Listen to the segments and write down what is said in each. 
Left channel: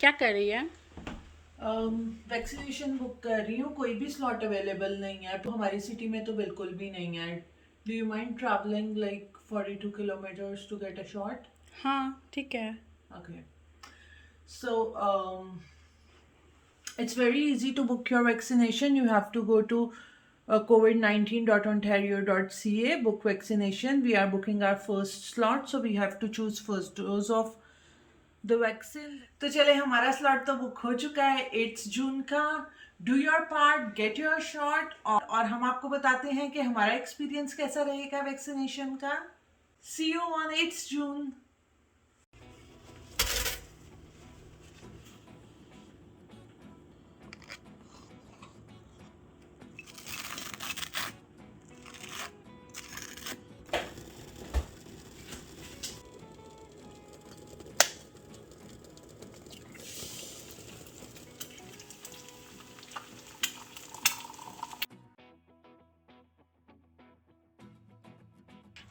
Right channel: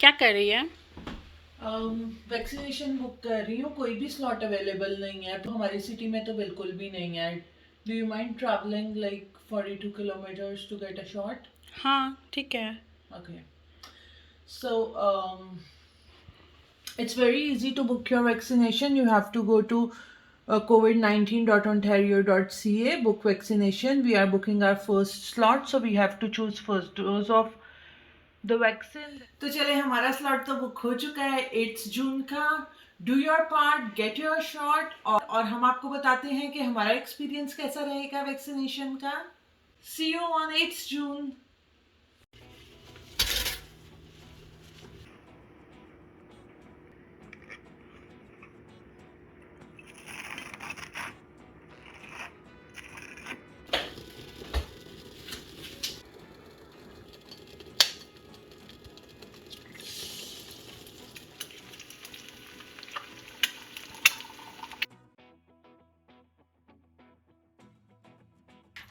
क्या कर रही है? वैक्सीनेशन बुक कर रही हूँ. कोई भी स्लॉट अवेलेबल नहीं है तो हमारी सिटी में तो बिल्कुल भी नहीं है. Do you mind travelling like 42 kilometers to get a shot? हाँ ठीक है. Okay. So it's very easy to book your vaccination. You have to go to covid19.ontario.ca, book vaccination. We are booking our first slot, so we have to choose first dose of the vaccine. तो चले, हमारा slot तो book हो चुका है 8 जून का. Do your part, get your shot. और हम आपको बताते हैं कि हमारा एक्सपीरियंस कैसा रहेगा वैक्सीनेशन का. See you on 8 June.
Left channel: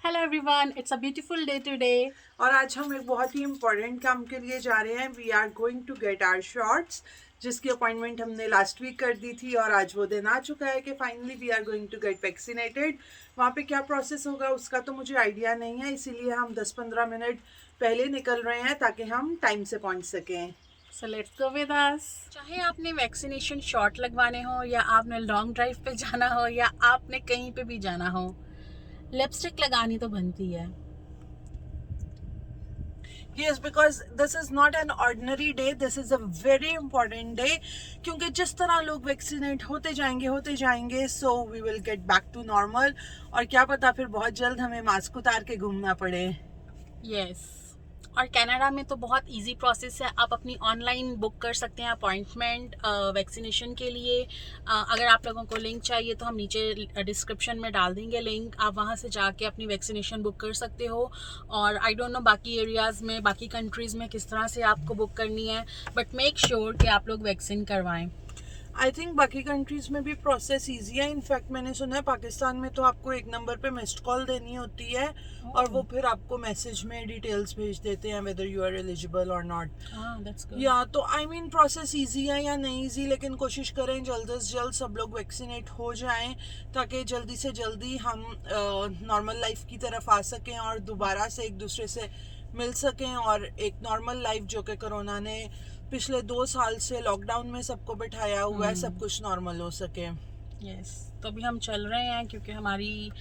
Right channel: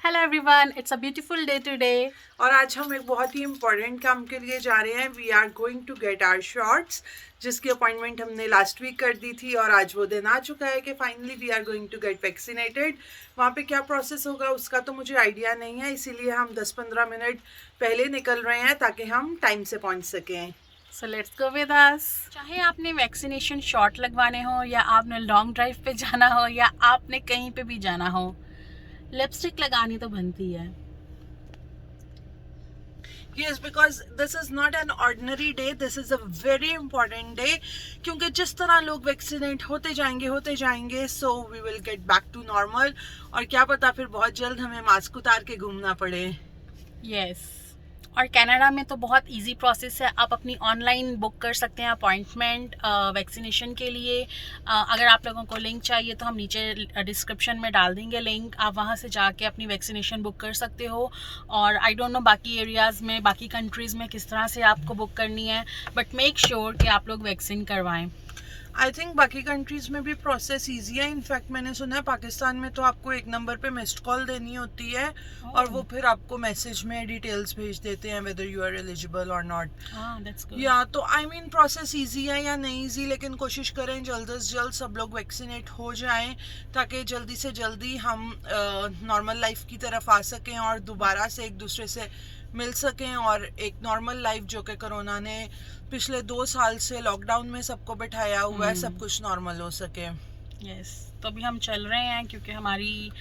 Hello everyone, it's a beautiful day today. और आज हम एक बहुत ही इम्पोर्टेंट काम के लिए जा रहे हैं. We are going to get our shots, जिसकी अपॉइंटमेंट हमने लास्ट वीक कर दी थी और आज वो दिन आ चुका है कि finally we are going to get vaccinated. वहाँ पे क्या प्रोसेस होगा उसका तो मुझे आइडिया नहीं है, इसीलिए हम 10-15 मिनट पहले निकल रहे हैं ताकि हम टाइम से पहुँच सकें. So let's go with us. चाहे आपने वैक्सीनेशन शॉट लगवाने हो या आपने लॉन्ग ड्राइव पे जाना हो या आपने कहीं पे भी जाना हो, लिपस्टिक लगानी तो बनती है. Yes, because this is not an ordinary day. This is a very important day. क्योंकि जिस तरह लोग वैक्सीनेट होते जाएंगे so we will get back to normal. और क्या पता फिर बहुत जल्द हमें मास्क उतार के घूमना पड़े. यस. और कनाडा में तो बहुत इजी प्रोसेस है. आप अपनी ऑनलाइन बुक कर सकते हैं अपॉइंटमेंट वैक्सीनेशन के लिए. अगर आप लोगों को लिंक चाहिए तो हम नीचे डिस्क्रिप्शन में डाल देंगे लिंक. आप वहां से जाके अपनी वैक्सीनेशन बुक कर सकते हो. और आई डोंट नो बाकी एरियाज़ में, बाकी कंट्रीज़ में किस तरह से आपको बुक करनी है, बट मेक श्योर कि आप लोग वैक्सीन करवाएं. आई थिंक बाकी कंट्रीज़ में भी प्रोसेस ईजी है. इनफैक्ट मैंने सुना है पाकिस्तान में तो आपको एक नंबर पे मिस्ड कॉल देनी होती है और वो फिर आपको मैसेज में डिटेल्स भेज देते हैं वेदर यू आर एलिजिबल और नॉट. या तो आई मीन प्रोसेस ईजी है या नहीं ईजी, लेकिन कोशिश करें जल्द से जल्द सब लोग वैक्सीनेट हो जाएं ताकि जल्दी से जल्दी हम नॉर्मल लाइफ की तरफ आ सकें और दोबारा से एक दूसरे से मिल सकें और एक नॉर्मल लाइफ जो कि कोरोना ने पिछले 2 साल से लॉकडाउन में सबको बिठाया हुआ है, सब कुछ नॉर्मल हो सके. यस. तो अभी हम चल रहे हैं क्योंकि हमारी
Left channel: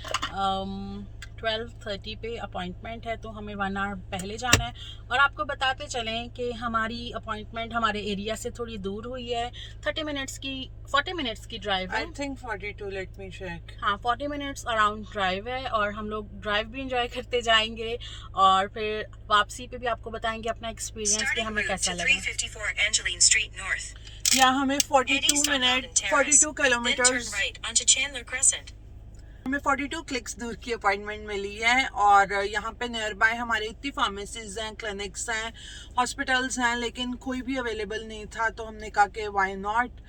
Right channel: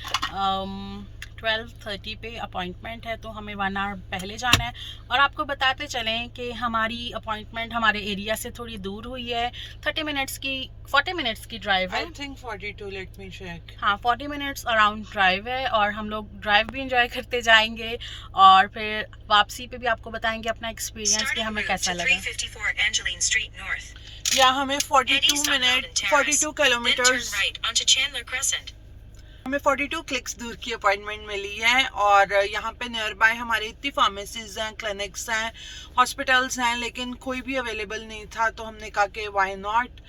12:30 पे अपॉइंटमेंट है, तो हमें 1 आवर पहले जाना है. और आपको बताते चलें कि हमारी अपॉइंटमेंट हमारे एरिया से थोड़ी दूर हुई है. 40 मिनट्स की ड्राइव है. I think 42, let me check. हाँ, 40 मिनट्स अराउंड ड्राइव है और हम लोग ड्राइव भी इंजॉय करते जाएंगे और फिर वापसी पे भी आपको बताएंगे अपना एक्सपीरियंस कि हमें कैसा लगा. या हमें 42 किलोमीटर्स, हमें 42 क्लिक्स दूर की अपॉइंटमेंट मिली है. और यहाँ पे नियर बाय हमारे इतनी फार्मेसीज हैं, क्लिनिक्स हैं, हॉस्पिटल्स हैं, लेकिन कोई भी अवेलेबल नहीं था. तो हमने कहा कि वाई नॉट,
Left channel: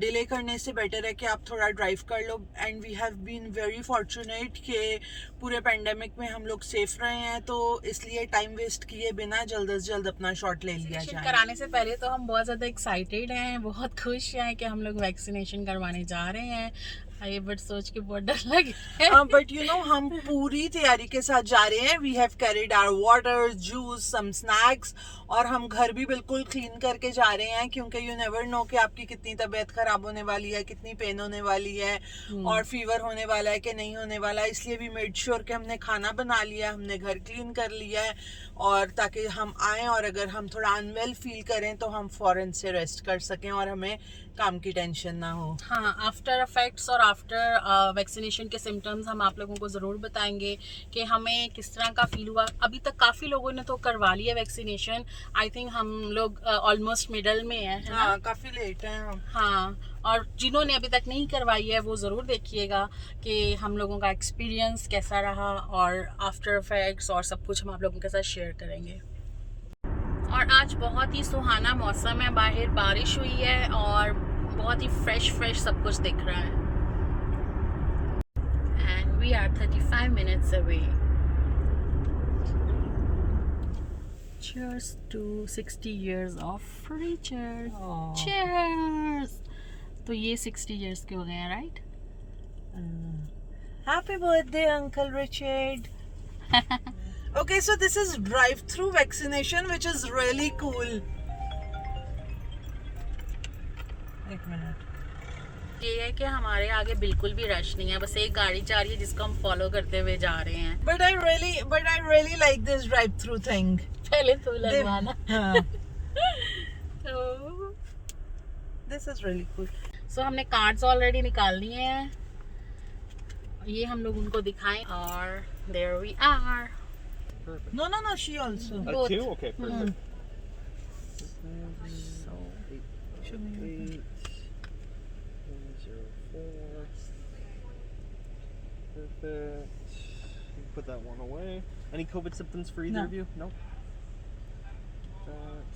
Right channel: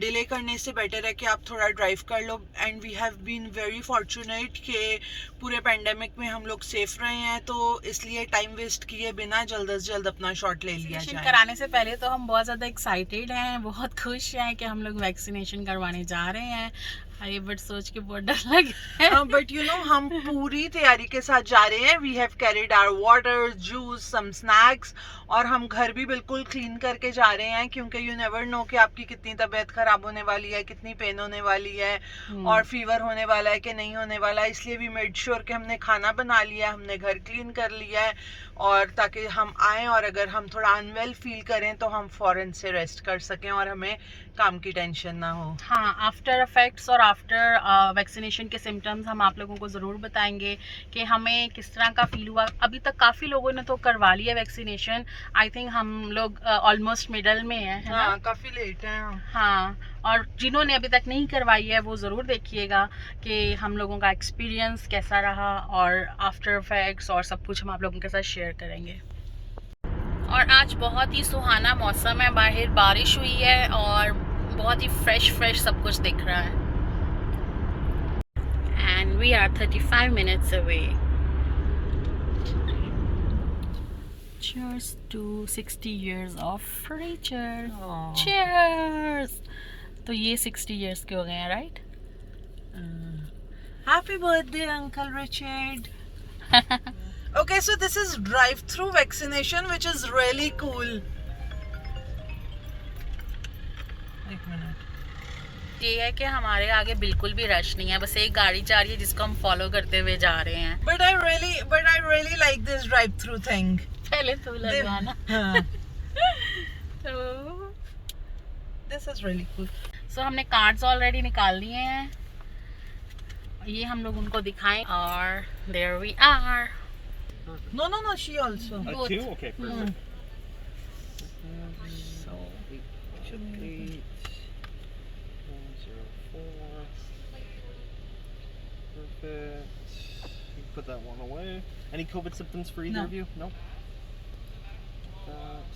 डिले करने से बेटर है कि आप थोड़ा ड्राइव कर लो. And we have been very fortunate कि पूरे पेंडेमिक में हम लोग सेफ रहे हैं, तो इसलिए टाइम वेस्ट किए बिना जल्द से जल्द अपना शॉट ले लिया जाए. कराने से पहले तो हम बहुत ज़्यादा एक्साइटेड हैं, बहुत खुश हैं कि हम लोग वैक्सीनेशन करवाने जा रहे हैं. ये बट सोच के बहुत डर लग रहा है. बट यू नो हम पूरी तैयारी के साथ जा रहे हैं. We have carried our water, juice, some snacks. और हम घर भी बिल्कुल क्लीन करके जा रहे हैं क्योंकि यू नेवर नो कि आपकी कितनी तबीयत खराब होने वाली है, कितनी पेन होने वाली है और फीवर होने वाला है कि नहीं होने वाला है. इसलिए वी मेड श्योर कि हमने खाना बना लिया, हमने घर क्लीन कर लिया है, और ताकि हम आएँ और अगर हम थोड़ा अनवेल फील करें तो हम फ़ौरन से रेस्ट कर सकें और हमें काम की टेंशन ना हो. हाँ, आफ्टर इफेक्ट्स और आफ्टर वैक्सीनेशन के सिम्टम्स हम आप लोगों को ज़रूर बताएंगे कि हमें किस तरह का फील हुआ. अभी तक काफ़ी लोगों ने तो करवा लिया वैक्सीनेशन. आई थिंक हम लोग ऑलमोस्ट मिडल में हैं, है ना? काफ़ी लेट हैं. हाँ, और जिन्होंने अभी तक नहीं करवाई है वो ज़रूर देखिएगा कि हम लोगों का एक्सपीरियंस कैसा रहा और आफ्टर इफेक्ट्स और सब कुछ हम आप लोगों के साथ शेयर करेंगे. और आज बहुत ही सुहाना मौसम है, बाहर बारिश हुई है और बहुत ही फ्रेश सब कुछ दिख रहा है. And we are 35 minutes away. Cheers to 60 years of Richard. Aw. Cheers. तो ये 60 years के हो गए हैं, right? Happy birthday, Uncle Richard. Okay, so this is drive-through vaccination, which is really cool. एक मिनट. ये है कि हमारे आगे बिल्कुल भी रश नहीं है, बस एक गाड़ी जा रही है जिसको हम फॉलो करते हुए जा रहे हैं. But I really like this drive-through thing. पहले तो लगवाना. हाँ. तो This is really cool. सो हमने कार्ड्स ऑलरेडी निकाल लिए हैं, ये हम लोग उनको दिखाएं और there we are. No, she also. Both. Two? Okay, perfect. So, 8, 104. Perfect. You can put that one away. Any COVID symptoms for either No. of you? No? That.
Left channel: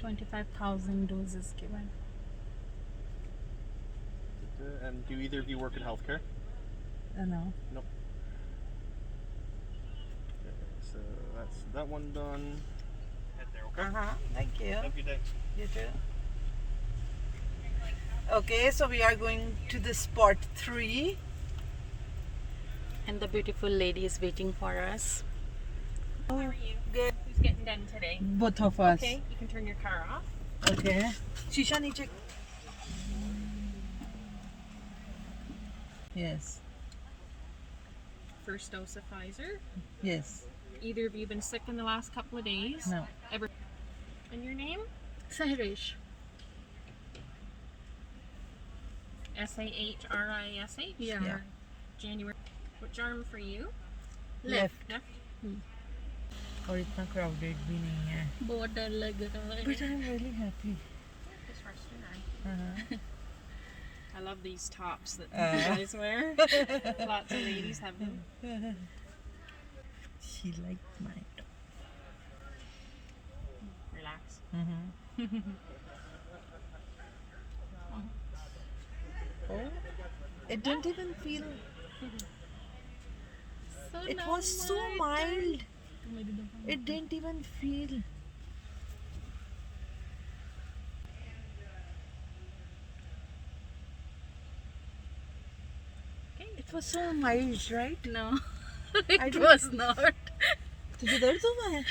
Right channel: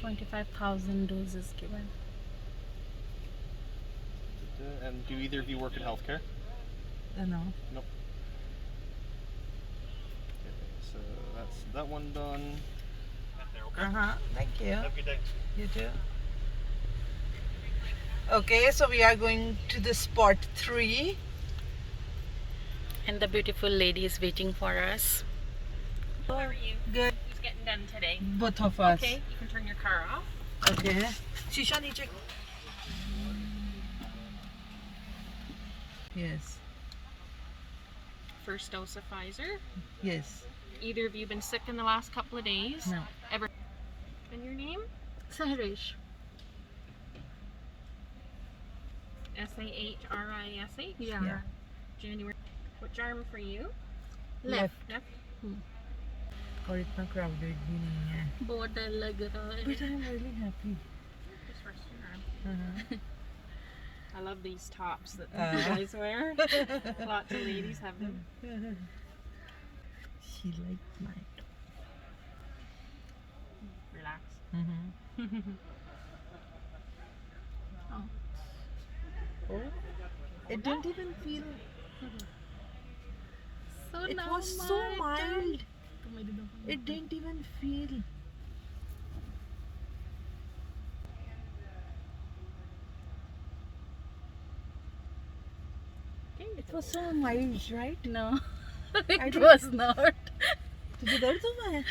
25,000 doses given. And do either of you work in healthcare? no. Nope. Okay, so that's that one done. Okay. Thank you. Have a good day. You too. Okay, so we are going to the spot 3. And the beautiful lady is waiting for us. How are you? Good. Who's getting done today? Both of us. Okay, you can turn your car off. Okay. Shisha niche. Yes. First dose of Pfizer. Yes. Either of you been sick in the last couple of days? No. Ever? And your name? Sahrish. Sahrish. Yeah. Yeah. January. Which arm for you? Left. Left. और इतना crowded भी नहीं है. बहुत डर लग रहा है. But I'm really happy. This first your arm. I love these tops that you guys wear. Lots of ladies have them. She liked my top. Relax. Oh, it didn't even feel. So It now was so my mild. turn. It didn't even feel. It was so mild, right? No, I it didn't- was not. तुझे दर्द हुआ है?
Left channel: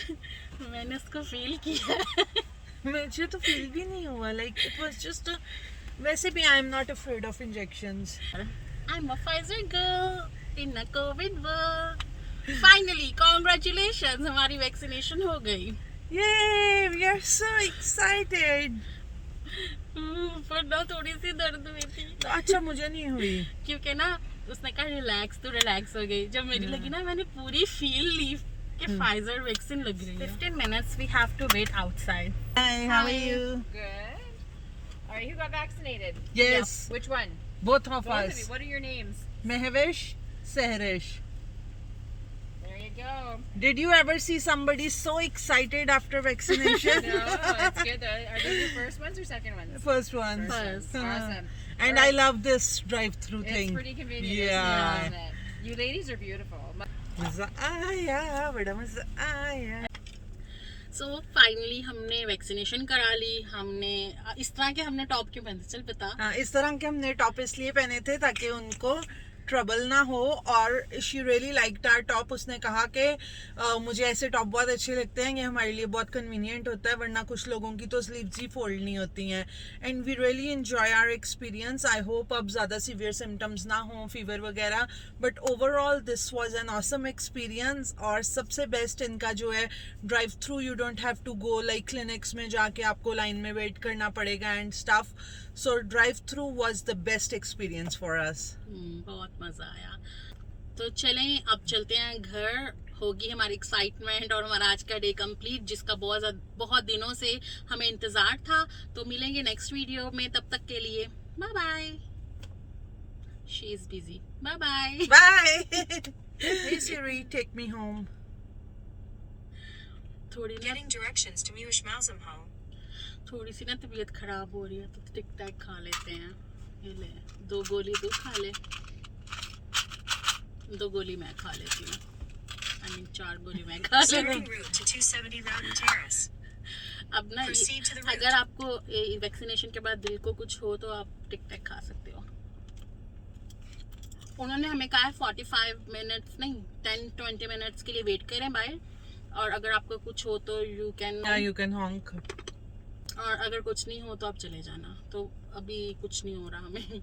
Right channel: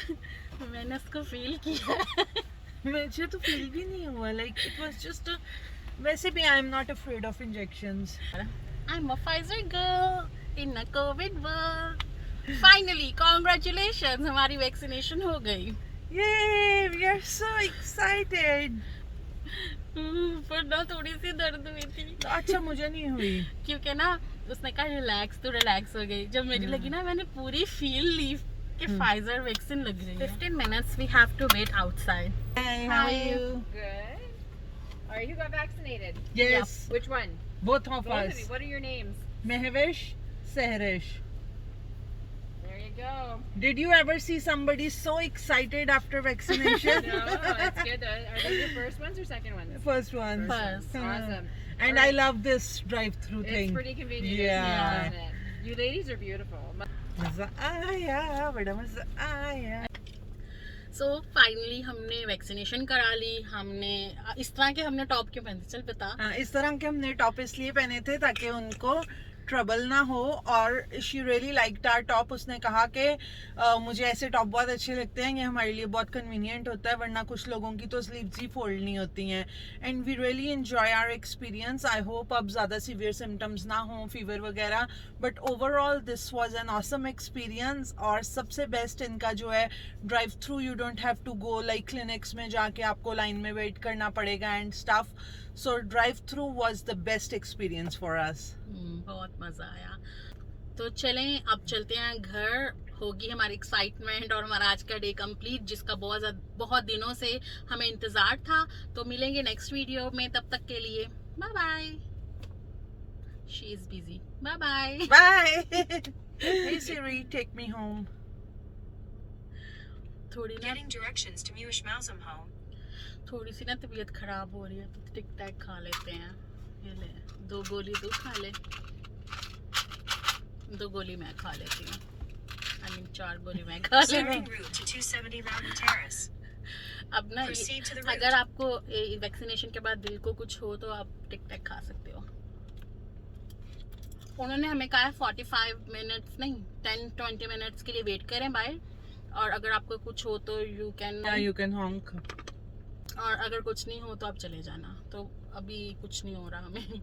मैंने उसको feel किया. मुझे तो feel भी नहीं हुआ. Like it was just a. वैसे भी I am not afraid of injections. I'm a Pfizer girl in a COVID world. Finally, congratulations, हमारी वैक्सीनेशन हो गई. Yay! We are so excited. पर ना थोड़ी सी दर्द हुई थी. अच्छा मुझे नहीं हुई. क्योंकि ना उसने कहा रिलैक्स, तो रिलैक्स हो गई. जब मेरी लगी ना, मैंने पूरी फील ली कि फाइजर वैक्सीन लग रही है. 15 minutes we have to wait outside. Hi, how are Hi. you? Good. All right, who got vaccinated? Yes, Which one? both of Both of us. you. What are your names? Mehvesh, Sahrish. There you go. Did you ever see somebody so excited after vaccination? No, that's good. Are these your first ones or second ones? First one. First. Awesome. And I love this drive-through It's thing. pretty convenient. Yeah. Isn't it? You ladies are beautiful. मजा आया, बड़ा मजा आया. So finally हमने vaccination करा ली. हमने इस तरह के हमने टॉप क्यों पहनते, चल बता. इस तरह के हमने टॉप इसलिए पहने थे ताकि उनको ट्रबल ना हो. और she really liked our top. उसने कहा कि मुझे ऐसे टॉप बहुत अच्छे लगते हैं, ये हमारे लिए बहुत कन्वीनियंट होता है, वरना कुछ लोगों की तो स्लीव्स ही फोल्ड नहीं होती हैं. And we really enjoy our experience. I hope अब ज़्यादा सीवियर सिम्टम्स ना हो, फीवर वगैरह. But overall this was an awesome experience. और सबसे बेस्ट इनका जो है drive through, you don't have to go like clinics में जाके आपको लाइन में वेट करना पड़ेगा and stuff. So drive through was the best experience for us. बहुत मजा आया. तो चलें अब चलते हैं घर. होगी हमारी एक्साइटमेंट और हमारा आज का डे कंप्लीट, जिसका बहुत दिनों से हमें इंतजार था. तो मिलेंगे नेक्स्ट वीडियो में, तब तक के लिए bye bye. She is busy. Bye bye. Bye. Hey Siri, take me home. थोड़ी ना Getting directions to Mushmausam home. थोड़ी सी ना तबीयत खराब हो रही है, तो टिक टैक खा लेते हैं. ये ले, 2 गोली तू खा ले, 2 गोली मैं खा लेती हूँ. आई मीन 4 गोली मैं खा लूँ. Starting route to 270 Round Terrace. अब ना Proceed to the route. अगर आपको वैक्सीनेशन के बाद दिल को कुछ हो तो आप टिक टैक खा सकते हो. उन्होंने हमें कहा है 45 मिनट्स नहीं 10-20 मिनट्स के लिए वेट करें बाहर, और अगर आपको कुछ हो तो यू कैन, यू कैन हॉन्क. और अगर कुछ नहीं हो तो आप चले जाना. तो अभी कुछ नहीं हो रहा हमें.